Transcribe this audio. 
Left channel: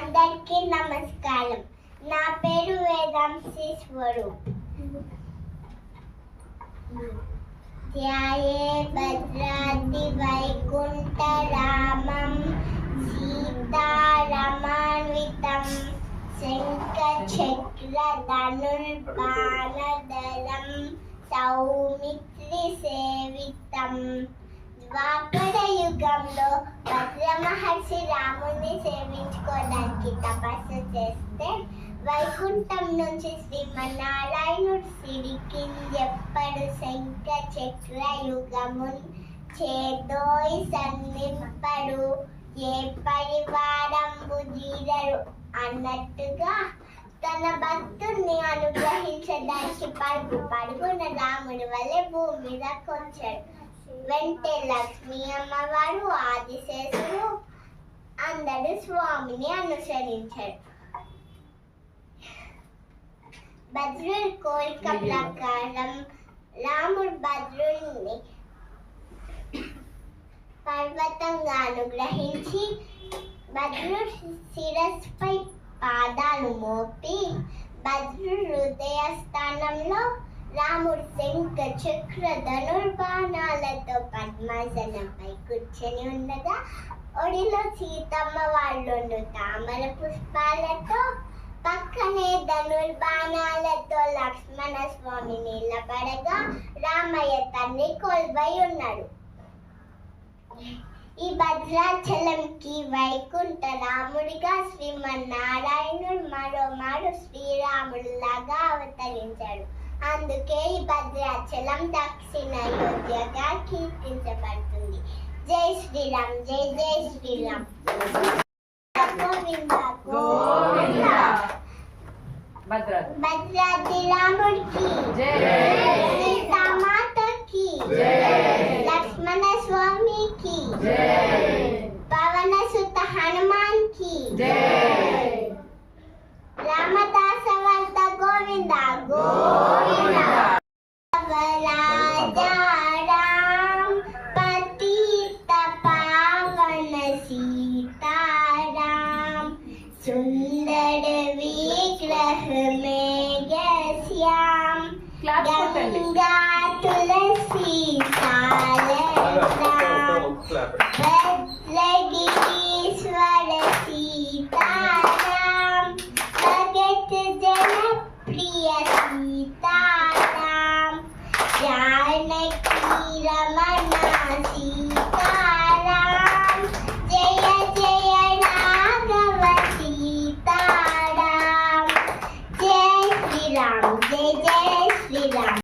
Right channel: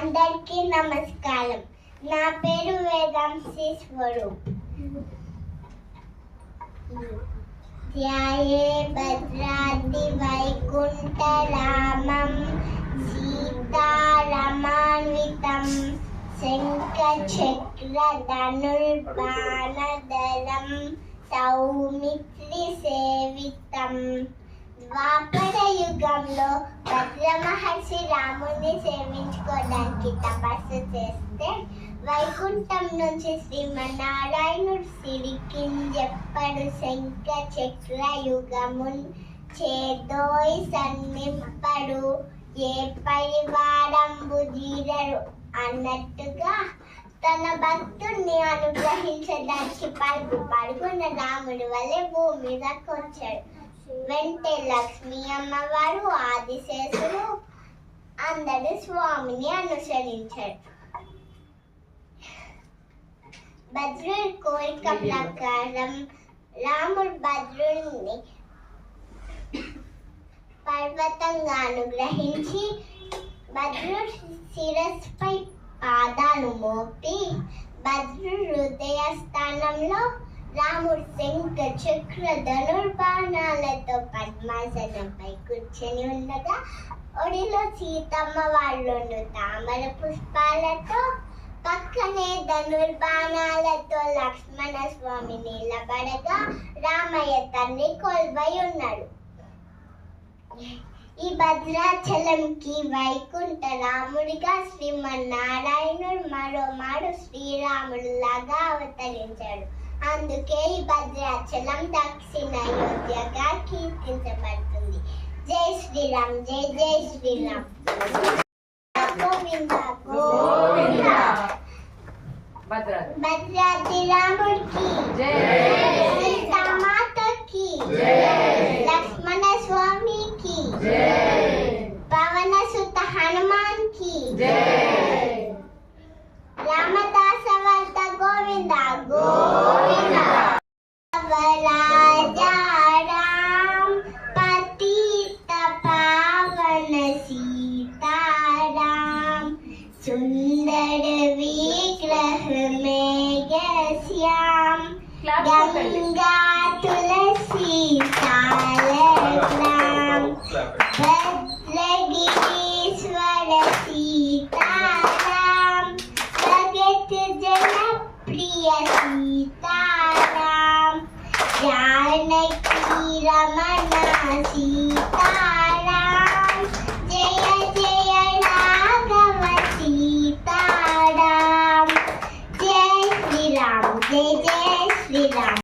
అందరికీ నమస్కారం. నా పేరు వేదాంశీశ్వరు. ధ్యాయే భద్రాద్రి వైకుంఠరామం సీతారమాన్వితం శంఖచక్ర ధనుర్బాణధరం సౌమిత్రి సేవితం. ద్వాపర యుగంలో భద్ర మహర్షి రాముని సేవించుకోవడానికి తపస్సు చేస్తే వైకుంఠం నుంచి శ్రీమన్నారాయణుడు సిరికింజెప్పడు శంఖ చక్ర యుగమున్ చేదోయి సన్నింపడు ఏ పరివారంబు జీరరు అన్నట్టుగా తన భక్తుడిని అనుగ్రహించడానికి పరుగున రాముడి వల్లే భూమి మీదకి వచ్చాడు. వెంటే లక్ష్మీ అమ్మవారు ఆదిశేషుడు అందరూ స్వామిని అనుసరించారు. భద్రుడి కోరిక ప్రకారం రాముడు భద్రుడిని పర్వతంగా అనుగ్రహించి భద్రుడి శిరస్సుపై పాదాలు మోపి భద్రుడి హృదయ స్థానంలో రాముడు శంఖ చక్ర ధనుర్బాణాలతో పద్మాసనంపై కూర్చొని ఉండగా ఒడిలో సీతమ్మ వాళ్ళు తామర పుష్పాలతో పక్కనే ధనుర్బాణాలతో లక్ష్మణ స్వామి నిలబడగా రామయ్య తండ్రి కొలువై ఉన్నాడు. ఈ భద్రాచలంకి వైకుంఠ రాముడిగా శ్రీమన్నారాయణుడు మరోమారు శ్రీరాముడిలాగా అవతరించాడు. అందుకే ఈ భద్రాచలం దక్షిణ అయోధ్యగా కీర్తించబడుతుంది. జై శ్రీరామ్, జై జై శ్రీరామ్. గోవింద గోవింద. భద్రాద్రి రాముడికి సీతామాతకి లక్ష్మణ స్వామికి పవన సుత హనుమాన్ కి రామదాస వర్త గోవింద గోవింద. రాజా రామ్ పతిత పావన సీతారాम सुंदर विग्रह मेघ श्याम गंगा तुलसी सालग्राम भद्रगिरीश्वर सीताराम भगत जन प्रिय सीताराम जानकी रमण सीताराम जय जय राघव सीताराम. जय श्री राम, जय जय श्री राम.